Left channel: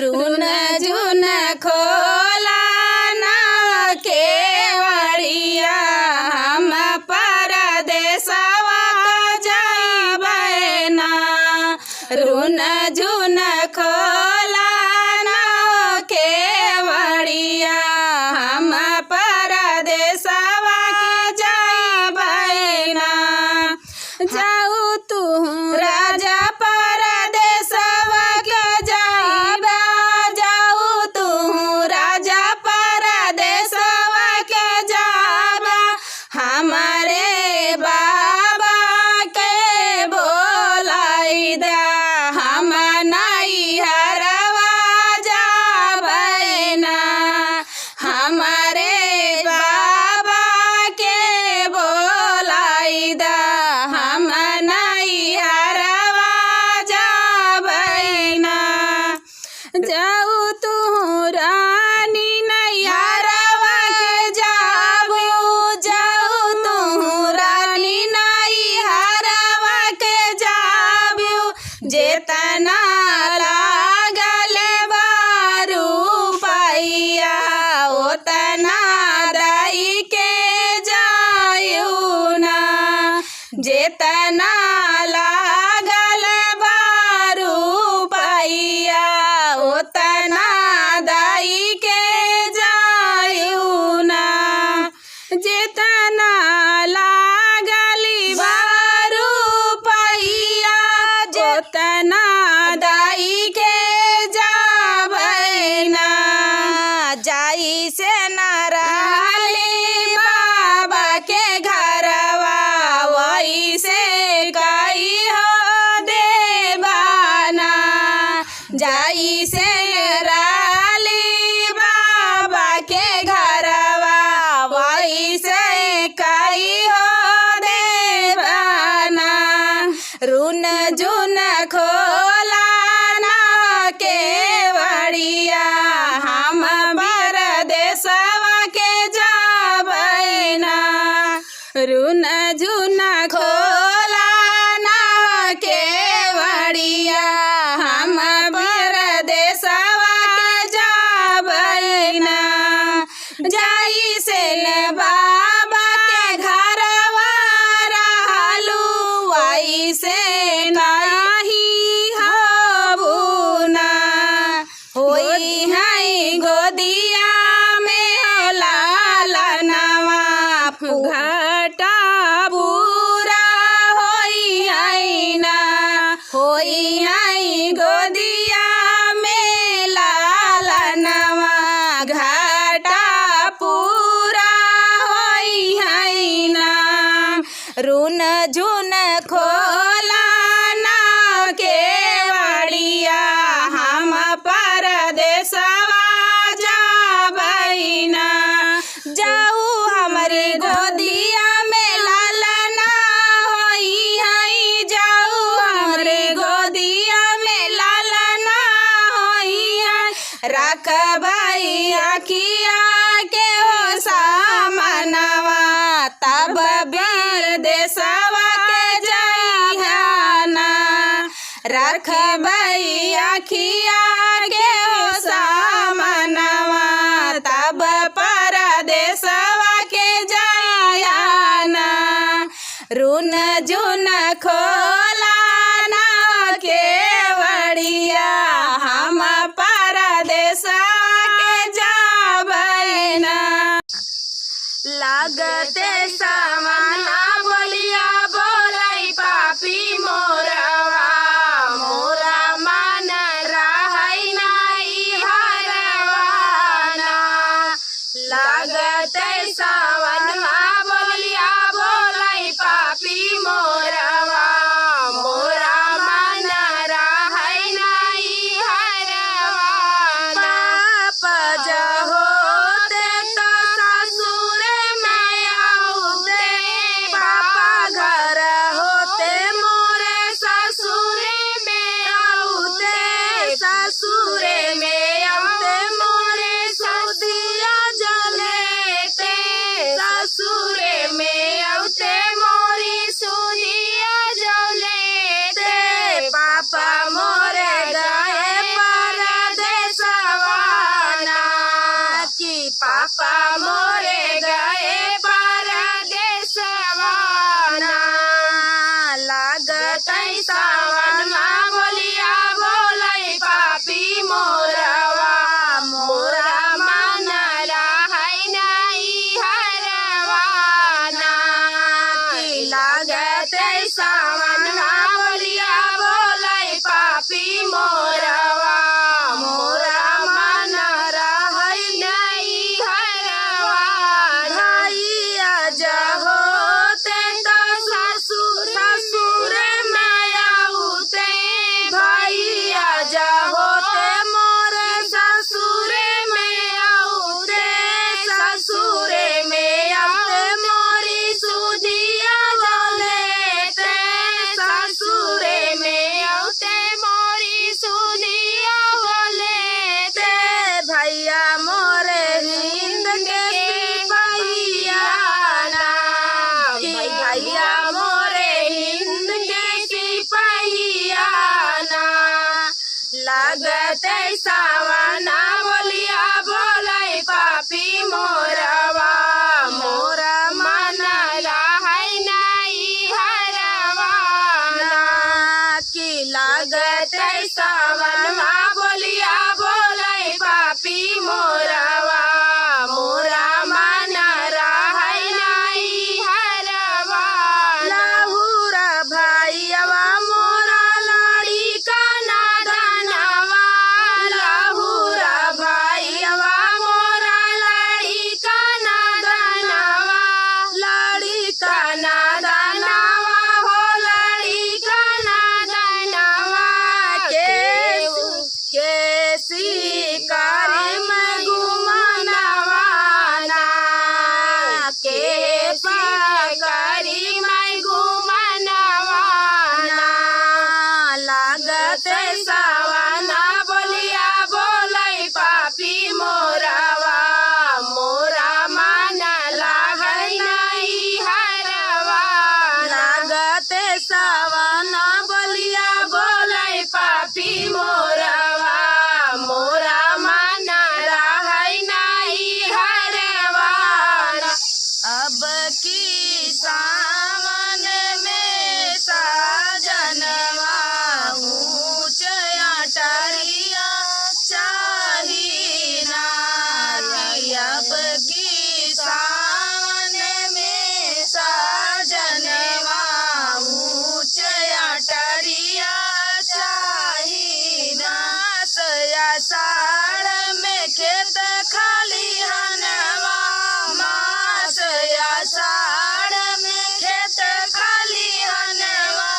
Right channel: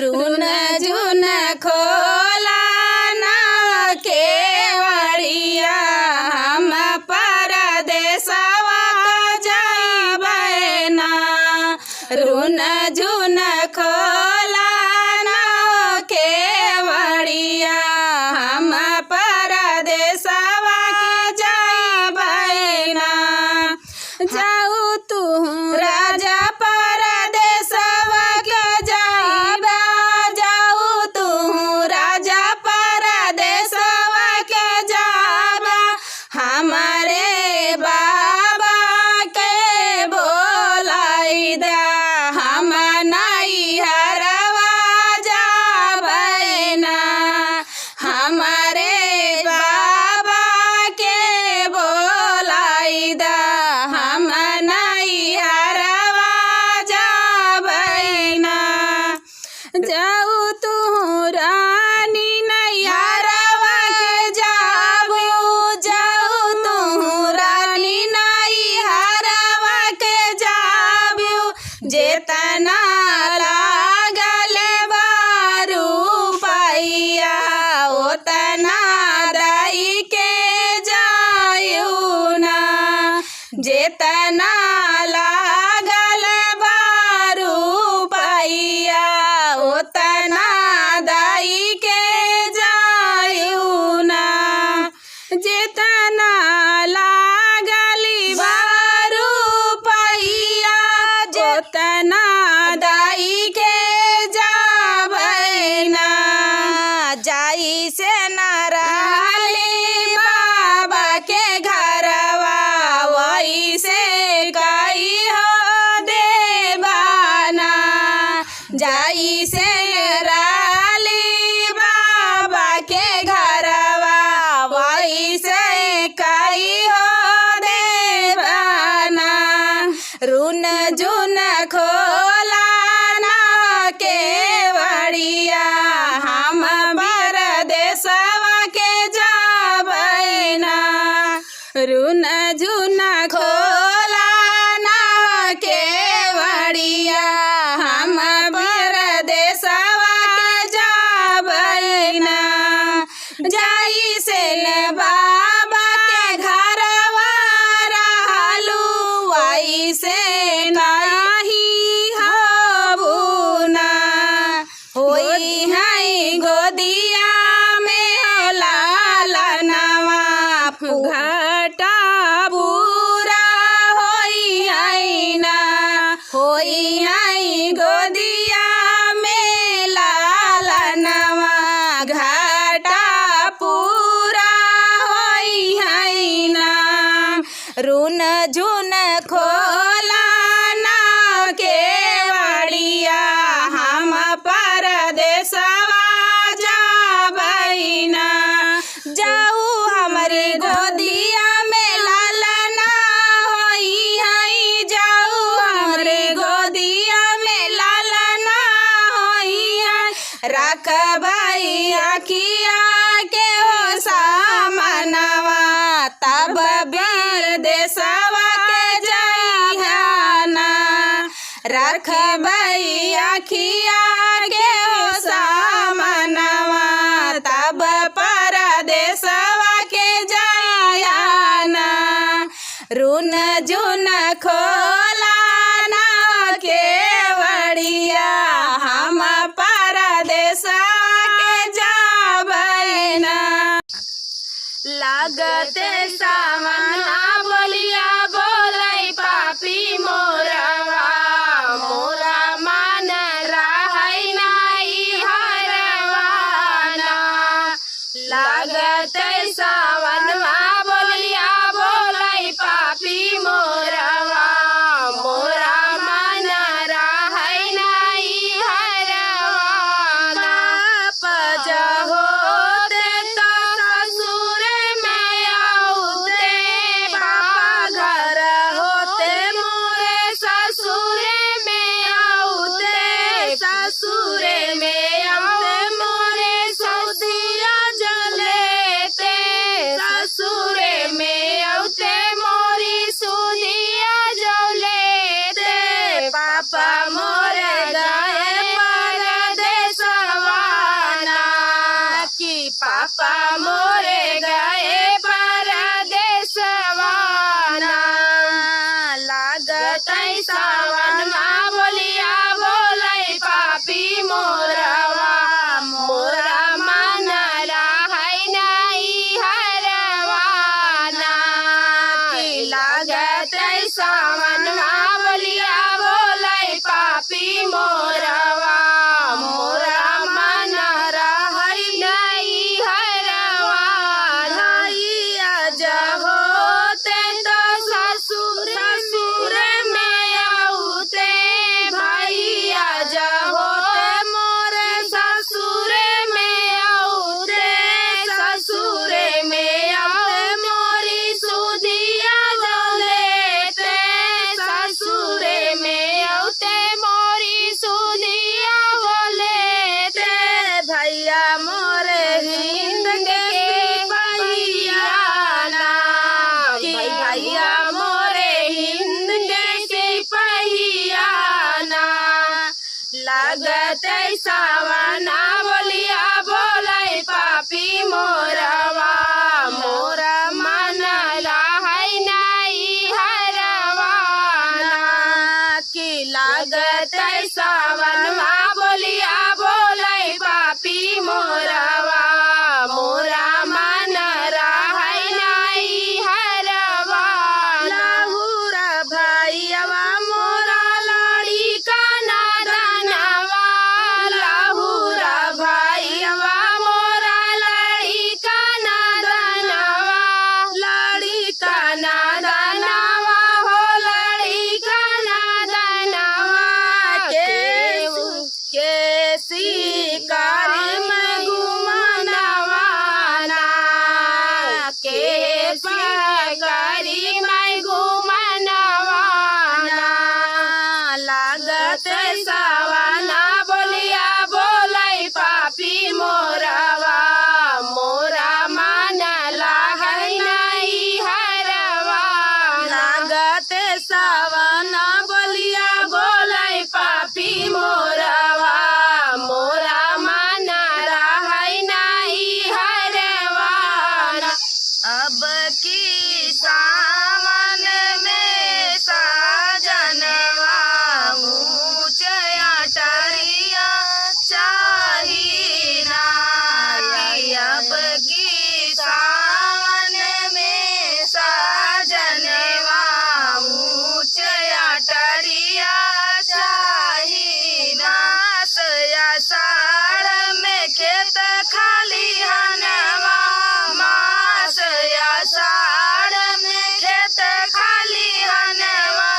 रून झुन खोला ना केवड़िया हम परदेसवा जाबै ना। रून झुन खोला ना केवड़िया हम परदेसवा जाबै ना। जाऊ तू राजा परदेसवा के जाइबा, जाऊ तू राजा परदेसवा के जाबा। हमारे बाबा के बोलाई दे हम नैहरवा जाबै ना। हमारे बाबा के बोलाई दे हम नैहरवा जाबै ना। जाऊ तू रानी नैहरवा के जाबू, जाऊ तू रानी नैहरवा के जाबू। जेतना लागल बारू पैया ओतना दई के जायू ना। जेतना लागल बारू पैया ओतना दई के जायू ना। जेतना लागली बारू पैया ओतना दई के जाबै ना। जाई से न रहली बाबा के घरवा वही से कई हो देवाना। जाई से रहली बाबा के घरवा वही से कई हो देवाना। रून झुन खोला ना केवड़िया हम परदेसवा के जाबै ना। रून झुन खोला ना केवड़िया हम परदेसवा के जाबै ना। जाई से बाबा के घरवा रहलू वही से नहीं हबू ना। होई है गोदिया में लालनवा घटा बुरा होई है ना। होई है गोदिया में लालनवा घटा पूरा होई है ना। रून झुन खोला ना केवड़िया हम परदेसवा जाबै ना। जाऊ हमारे गोदिया में लालना होई है, जाऊ हमारे गोदिया में लालना होई है। रखबै अखिया के हो सामनवा तब परदेसवा के जाइहा ना। रखबै अखिया के हो सामनवा तब परदेसवा के जाइहा ना। रून झुन खोला ना केवड़िया हम परदेसवा के जाबै ना। लागते सावना बोलिया बोलै पापी मोरवा, मोरा मन रहै नाई हरवा ना। लागते सावनमा बोलिया बोलै पापी मोरवा, मोरा मन रहै नाई हरवा ना। पाप जहोते त ससुर माया होते, पापा घर होते मोरे ससुर में आउते। ससुर में आउते मोरे सौदिया जलेते। ससुर में आउते मोरी सुदिया जलेते। पापा मोरे गए परदेस पापा मोरे गए परदेसवा ना लागत सावन में बोलिया बोले पापी मोरवा मोरा मन रहै नहीं हरवा ना कि लागत सावन में बोलिया बोले पापी मोरवा मोरा मन रहै नहीं हरवा भैया जहो ते तो ससुर में आउते भैया जहो ते मोरे ससुर में आउते ससुर में आउते मोरी सुधिया बोलेते ससुर में आउते मोरी सुधिया बोलेते भैया मोरे हिंद के सिपहिया ना कि भैया मोरे हिंद के सिपहिया ना लागते सावना बोलिया बोले पापी मोरवा मोरा मन रहै नहीं हरवा ना कि लागते सावना बोलिया बोले पापी मोरवा मोरा मन रहै नहीं हरवा लहुरा भैयावा मोरा लाड़ी का नादनवा लहुरा भैयावा मोरा लाड़ी का नादनवा लाड़ी का नादनवा हो लाड़ी का नादनवा के शिकारी में घुमनवा ना के पकड़ी में घुमनवा ना लागत सावना बोलिया बोले पापी मोरवा मोरा मन रहै नहीं हरवा लागत सावना बोलिया बोले पापी मोरवा मोरा मन रहै नहीं हरवा अब की सावन में साजनवा ऊंच अटरिया चाही ना कि अब की सावन में साजनवा ऊंच अटरिया चाही मास आषाढ़ में खेत खाली हनवा मास आषाढ़ में खेत खाली हनवा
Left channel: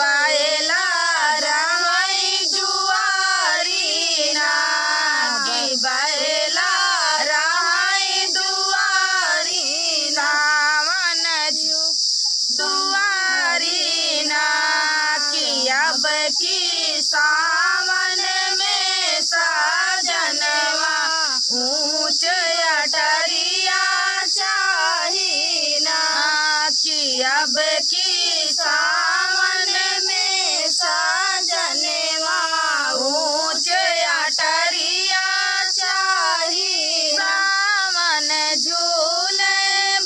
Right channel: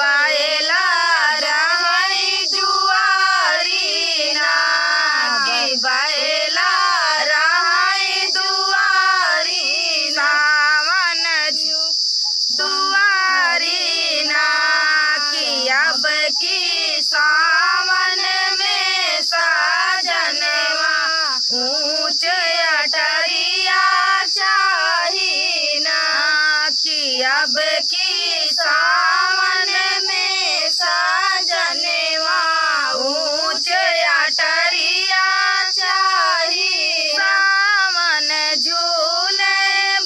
बाएला रहै जुआरी ना कि बाएला रहै दुआरी सावन दुआरी ना कि अब की सावन में साजनवा ऊंच अटरिया चाही ना कि अब की सावन में साजनवा ऊंच अटरिया चाही सावन झूले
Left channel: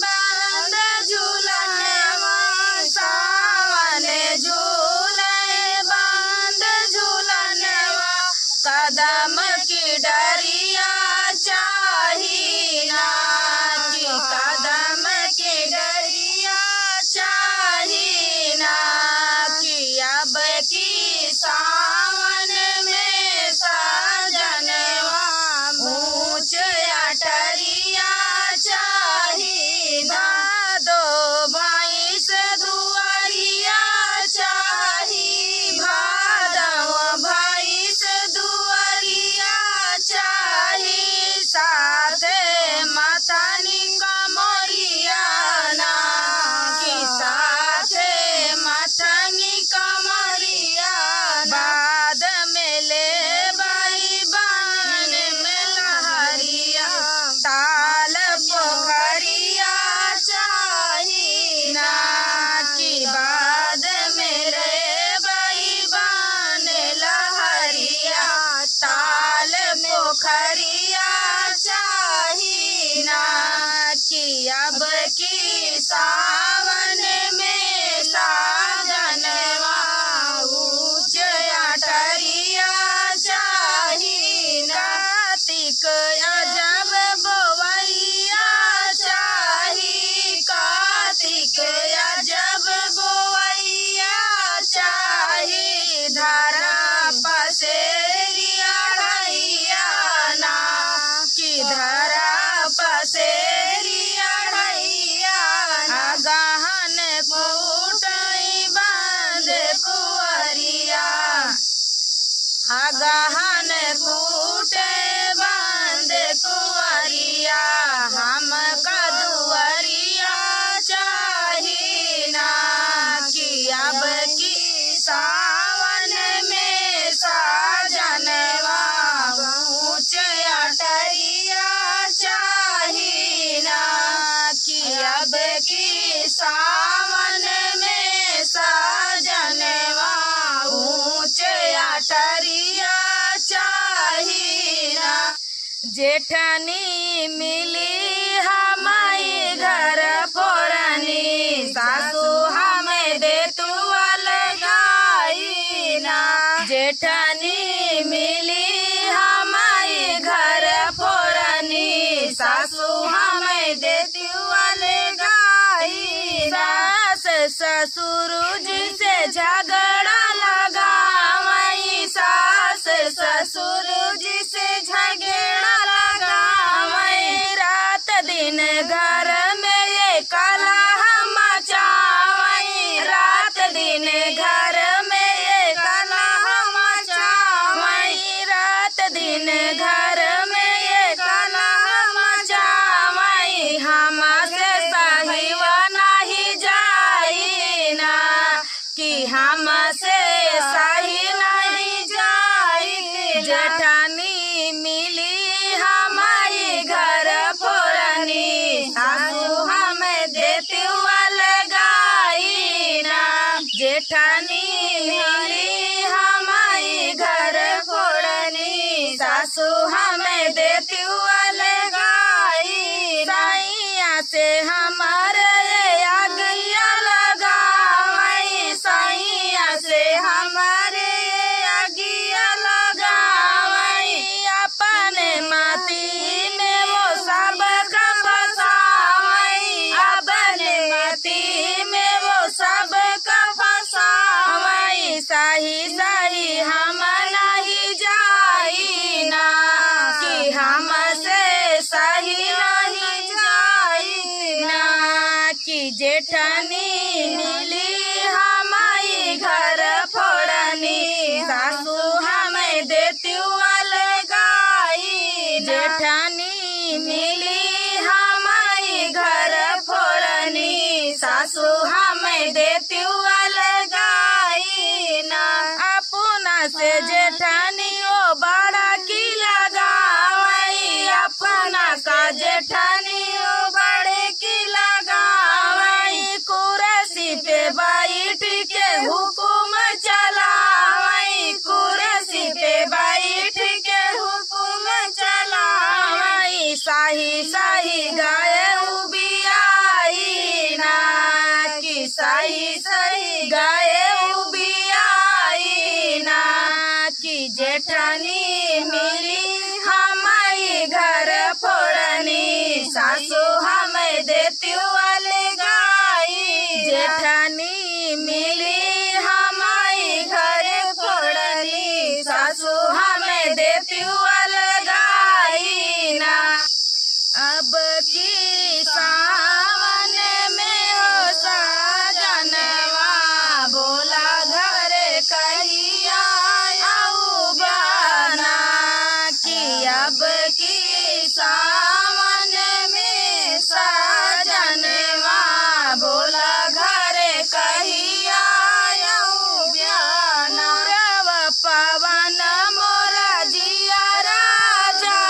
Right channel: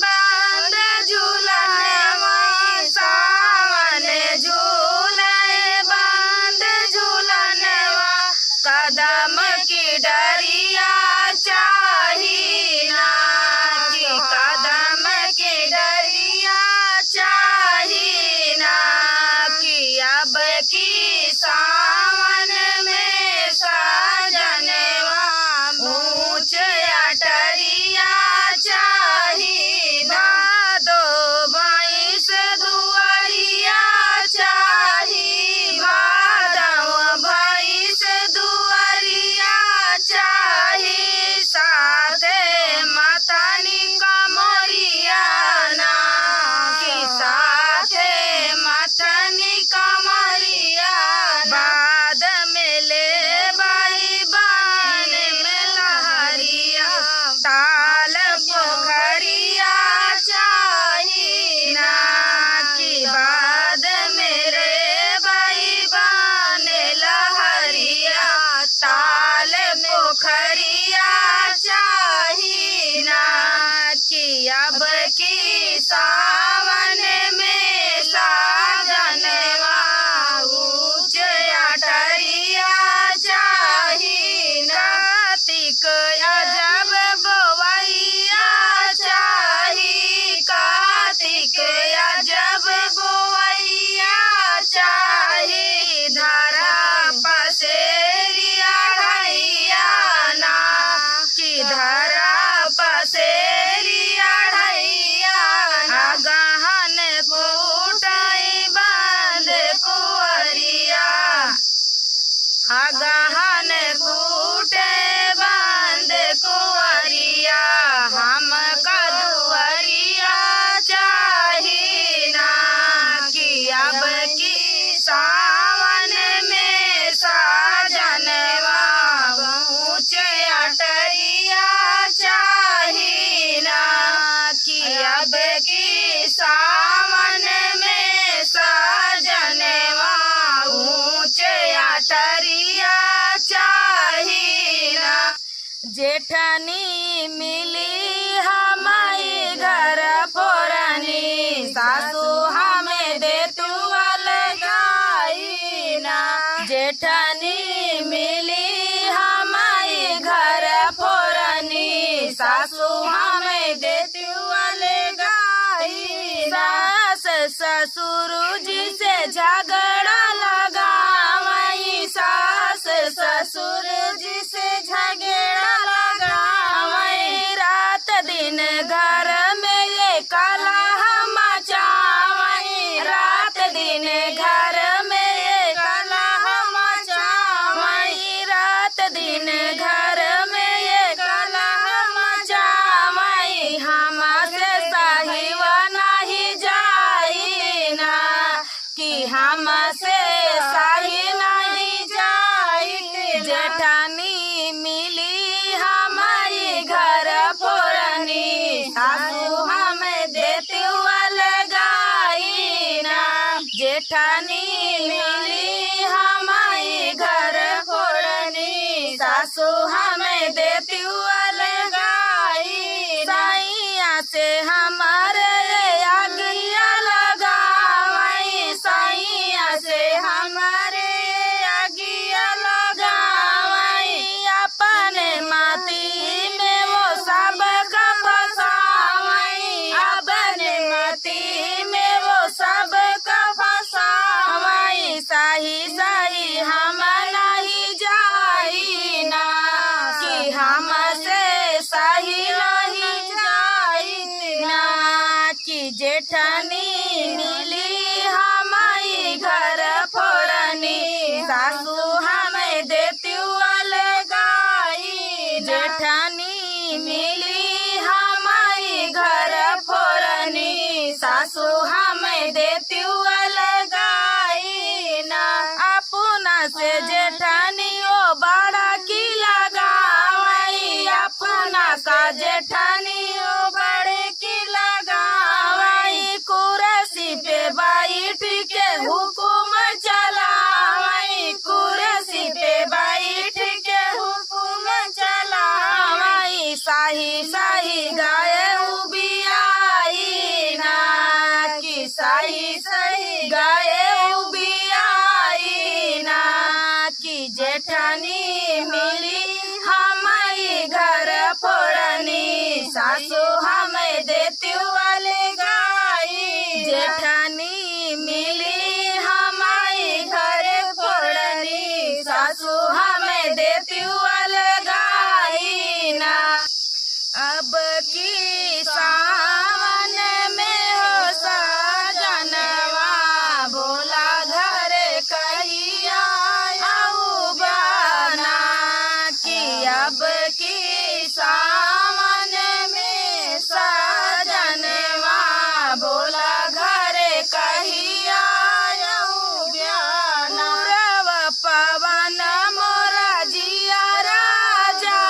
बांध झूलनवा सावन झूले बांध झूलनवा कदम की डरिया चाही ना कि कदम की डरिया चाही ना कि अब की सावन में साजनवा ऊंच अटरिया चाही भादो भैंस दुआरिया चाही भादव भैंस दुआरिया चाही साथे मातानी कमरिया ना कि साथे माथनी कमरिया बाद में ले बाई बान में लहरिया ताल पोखरिया चाही ना कि बाद में ले बाई बान लहरिया ताल पोखरिया चाही ना कि अब की सावन में साजनवा ऊंच अटरिया चाही ना। कार्तिक अजब बोवैया चाही, कार्तिक अजब बोवैया चाही, धारा पसेरिया ढैया ना कि धारा पसेरिया ढैया ना। गहन फूटई बांध कुंवरिया, गहन फूटे बांध कुंवरिया, हम कदुवरिया चाही ना कि अब की सावन में साजनवा ऊंच अटरिया चाही ना कि अब की सावन में साजनवा ऊंच अटरिया चाही ना। जेठनी मिली हमारी घर फोड़नी, सासू हमें दे तू अलगाई ना। जेठनी मिली हमारी घर फोड़नी, सासू हमें दे तू अलगाई ना। सास ससुर जी से झगड़ा लगावई, सास ससुर जी से झगड़ा लगावई, रात दिन घर में ये कलह मचावई, रात दिन घर में ये कलह मचावई, रात दिन घर में ये कलह मचावई। हमसे सहिवा नहीं जाई ना कि हमसे सही नहीं जाई। जेठानी मिली हमारी घर फोड़नी, सासू हमें देती अलगाई ना। जेठानी मिली हमारी घर फोड़नी, सासू हमें देती अलगाई। सैया से हमारे आगिया लगावई, सैया से हमारे आगिया लगावई, अपने माटी में वो सब का फसावई, अपने माटी में वो सब का फसावई। सही सही हम नहीं जाई ना कि हमसे सही नहीं जाई ना कि जेठनी मिली हमारी घर फोड़नी, सासू हमें देती अलगाई। जेठनी मिली हमारी घर फोड़नी, सासू हमें देती अलगाई ना। अपना से जेठानी ओ बड़ा की लगावई, अपना का जेठानी ओ बड़े की लगावई, कुर्सी पे बैठ के हुकुम चलावई, कुर्सी पे बैठ के हुकुम चलावई। सही सही गाय उबियाई ना कि सही सही गाय उबियाई ना कि जेठानी मिली हमारी घर फोड़नी, सासू हमें देती अलगाई। जेठानी मिली हमारी घर फोड़नी, सासू हमें देती अलगाई ना। अब की सावन में हो साजनवा बोला घर कहिया आऊ बना कि अब की सावन में साजनवा बोला घर कहिया आऊ बना। पूरब पवन मोरा जिया राजा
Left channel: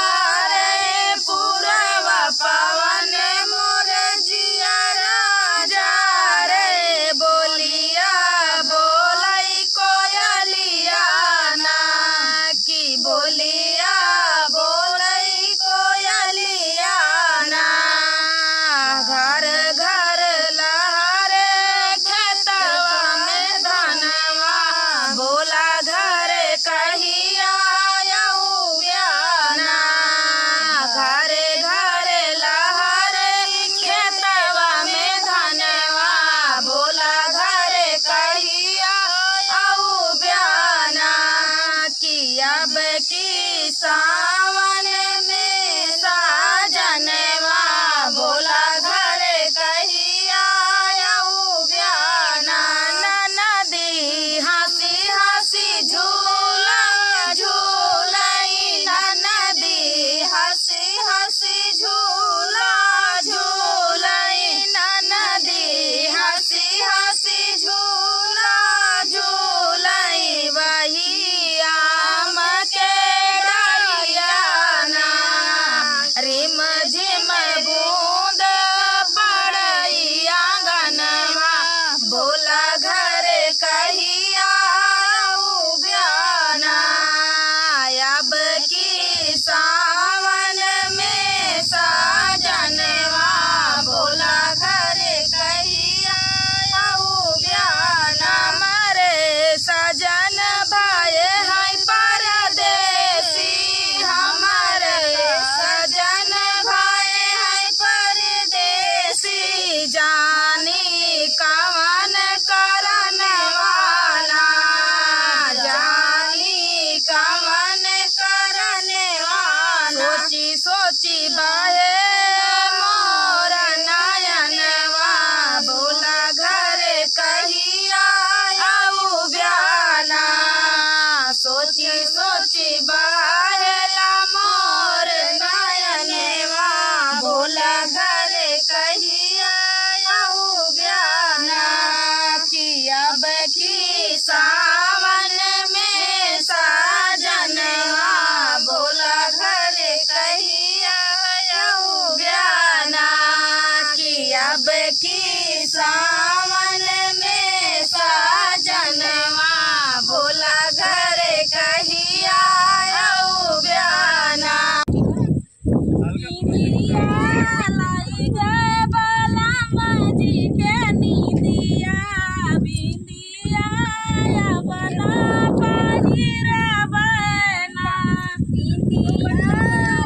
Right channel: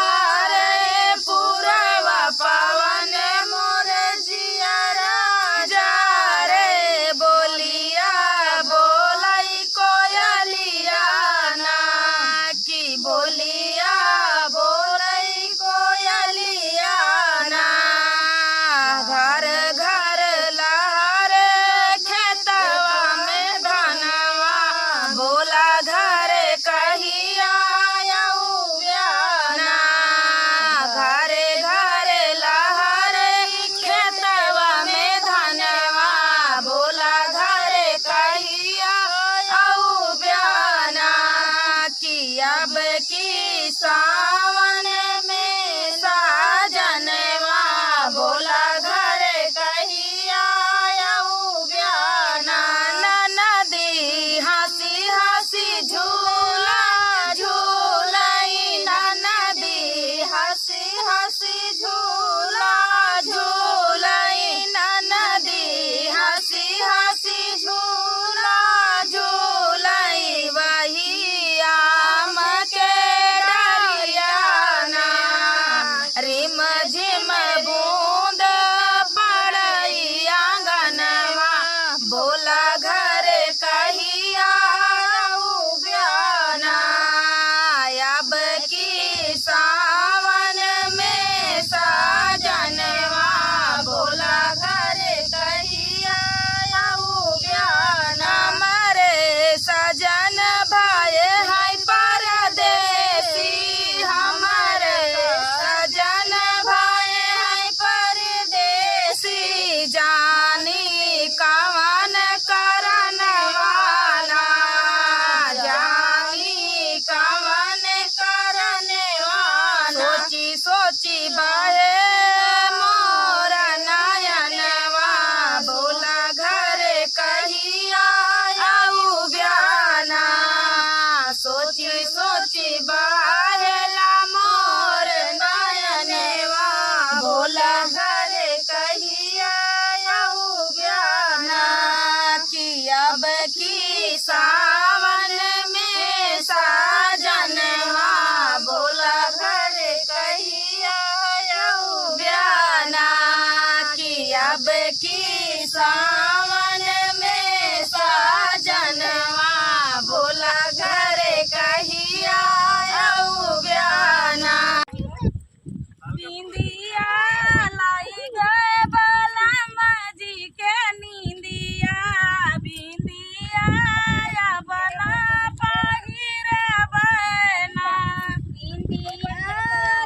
रे, पूरब पवन मोर जिया राजा रे, बोलिया बोलाई कोयलिया ना कि बोलिया बोलाई कोयलिया ना सावन में साजनवा बोला घर कहिया आऊ ब्याना नदी हंसी हंसी झूला झूलाई नदी हंसी हंसी झूला झूलाई नदी हंसी हंसी झूला झूलाई वही आम के डरियाना रिम झिम बूंद पड़ई आंगनवा बोला घर कहिया आऊ ब्याना अब की सावन में साजनवा बोला घर कहिया आऊ ब्याना मारे सजन भाई है परदेसी हमारे सजन भाई है परदेसी जानी कवन करन वाला जानी कवन करन वाला सोची सोची बाहे मोर नयनवा बोला घर कहिया आऊ ब्याना सोची सोची बाहेला मोर नयनवा बोला घर कहिया आऊ ब्याना कि अब की सावन में साजनवा बोला घर कहिया आऊ ब्याना कि अब की सावन में साजनवा बोला घर कहिया आऊ ब्याना बिंदिया लाई गए बलम जी के नींदिया बिंदिया या बना पहिर बना बिंदिया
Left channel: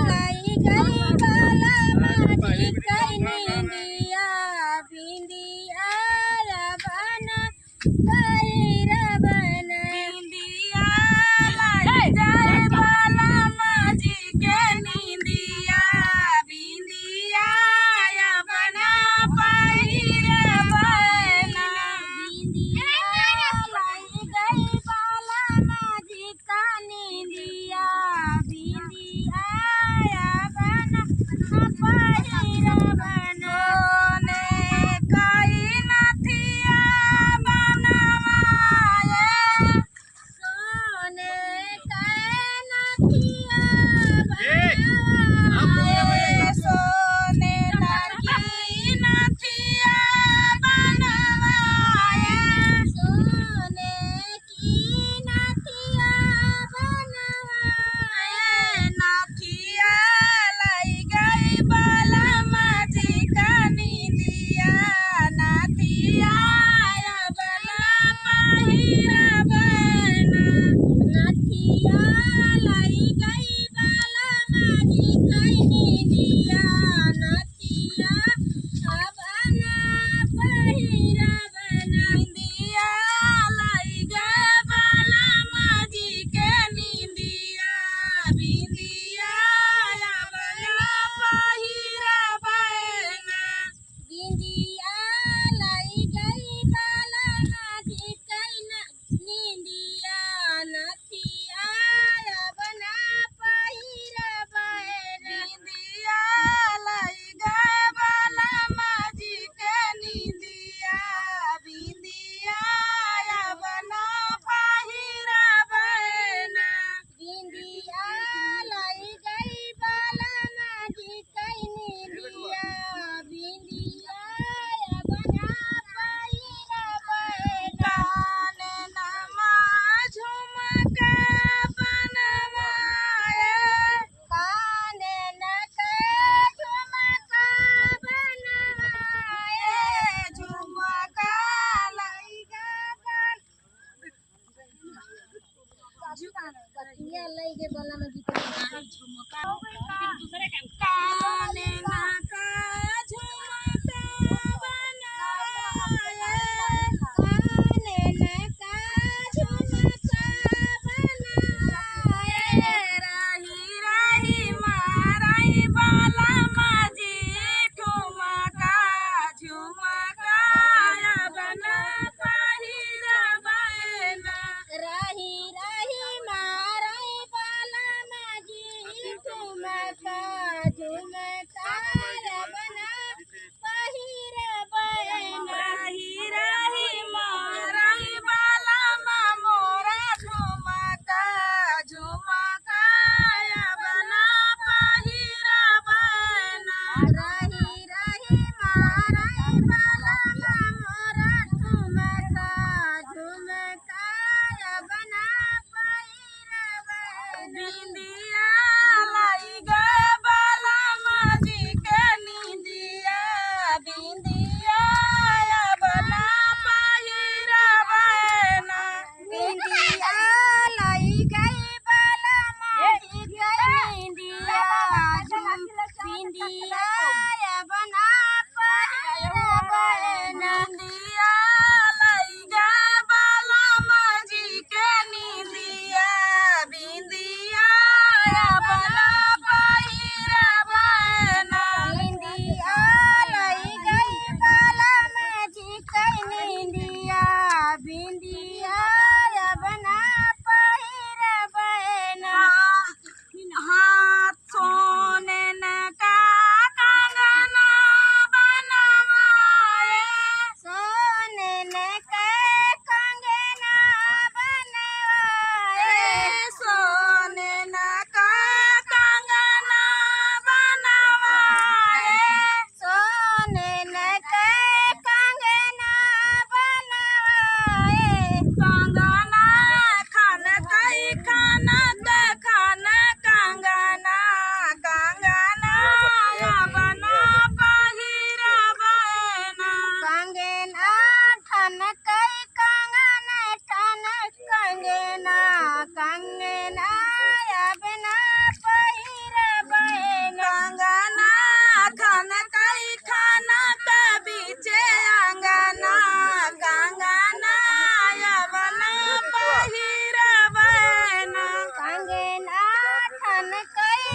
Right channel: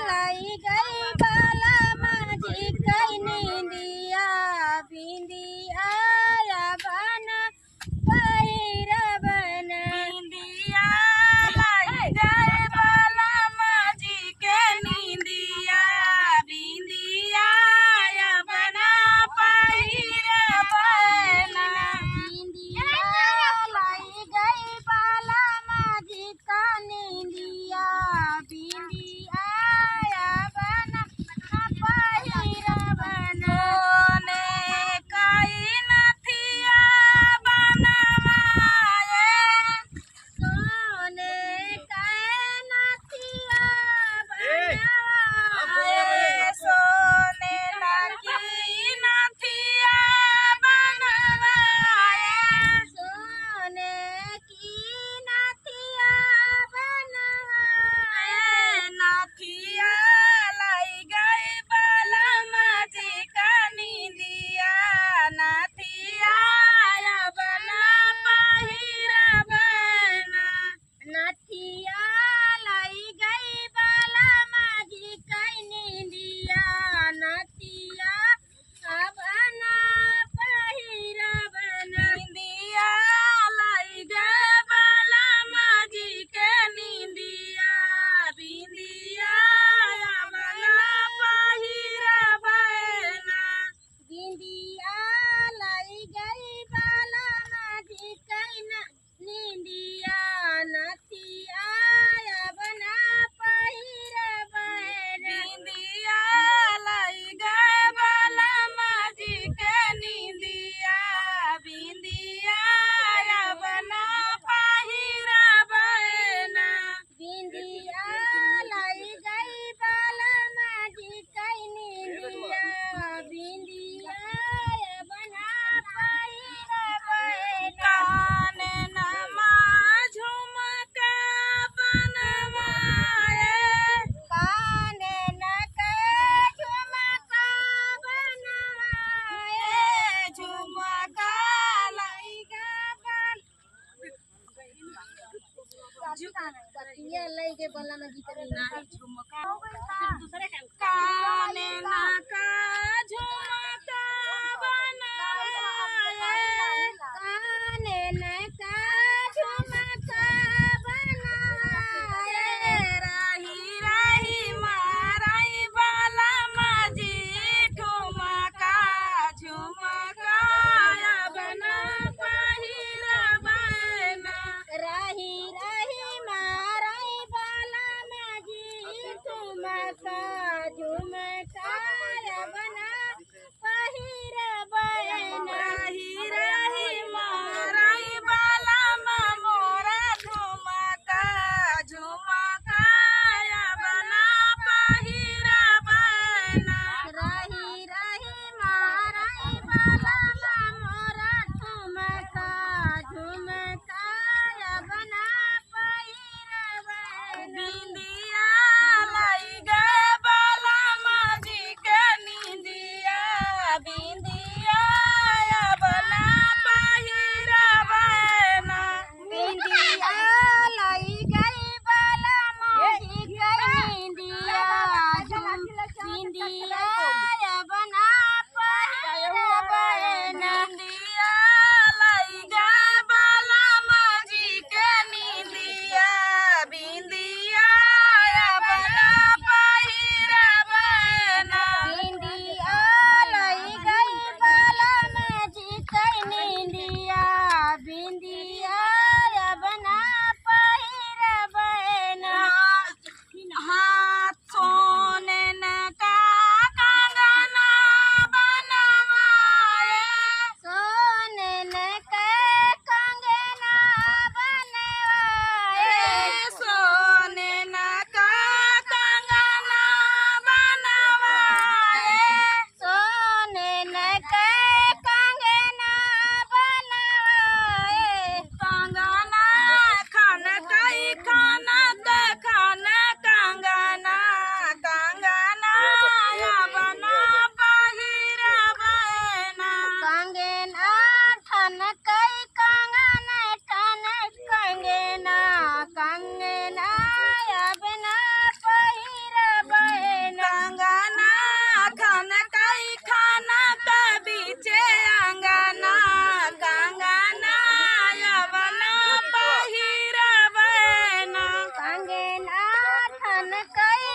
लाई गई बलम जी के नींदिया बिंदिया या बना पहिर बना बिंदिया लाई गई बलम जी के नींदिया बिंदिया या बना पहिर बना बिंदिया लाई गई बलम जी का नींदिया बिंदिया या बना पहिर बना ने कई नथिया बनवाए सोने कई नथिया बनवाए सोने लगी नथिया बनवाए सोने की नथिया बनवाए नथिया लाई गई बलम जी का नींदिया नथिया या बना पहिर बना नथिया लाई गई बलम जी का नींदिया नथिया या बना पहिर बना निंदिया लाई गई बलम जी के नींदिया बिंदिया या बना पहिर बना बिंदिया लाई गई बलम जी के नींदिया नथिया या बना पहिर बना बिंदिया लाई गई बलम जी के नींदिया बिंदिया या बना पहिर बना बिंदिया लाई गई बलम जी के नींदिया बिंदिया या बना पहिर बना कान नमा झुमका बनवाए कान न के झुमका बनवाए झुमका लाई गई कतिया लई के बलम जी के नहीं झुमका कान ना का झुमका बनाए कान ना का झुमका बनाए राही का झुमका बना पहिरबैना रही रही मोरई बाला मोरा झुमका झुमका बना पहिरबैना रही रही मारई बाला मोरा झुमका झुमका बना पहिरबैना बिंदिया लाई गे बाला माजी के निंदिया बिंदिया बना पहिरबैना बिंदिया लाई गई बाला माजी के निंदिया बिंदिया बना पहिरबैना बिंदिया लाई गे बाला माजी के निंदिया बिंदिया बना पहिरबैना बिंदिया लाई गई बाला माजी के निंदिया बिंदिया बना पहिरबैना हाथ सोने न का कंगना बनवाए सोने ने के कंगना बनाए सोने न का कंगना बनवाए सोने ने के कंगना बनाए कंगना खान कई खाना ते खान कंगना कंगना बना पहिरबैना कंगना ठन कई कंगना ठन कंगना कंगना बना पहिरबैना कंगना खान कई खाना के बीचे अंगना कंगना बना पहिरबैना कंगना ठन कई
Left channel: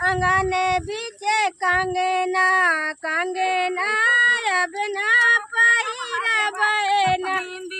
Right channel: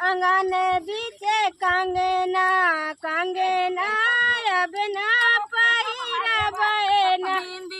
कंगन बीचे कंगना कंगना बना पहिरबैना बिंदी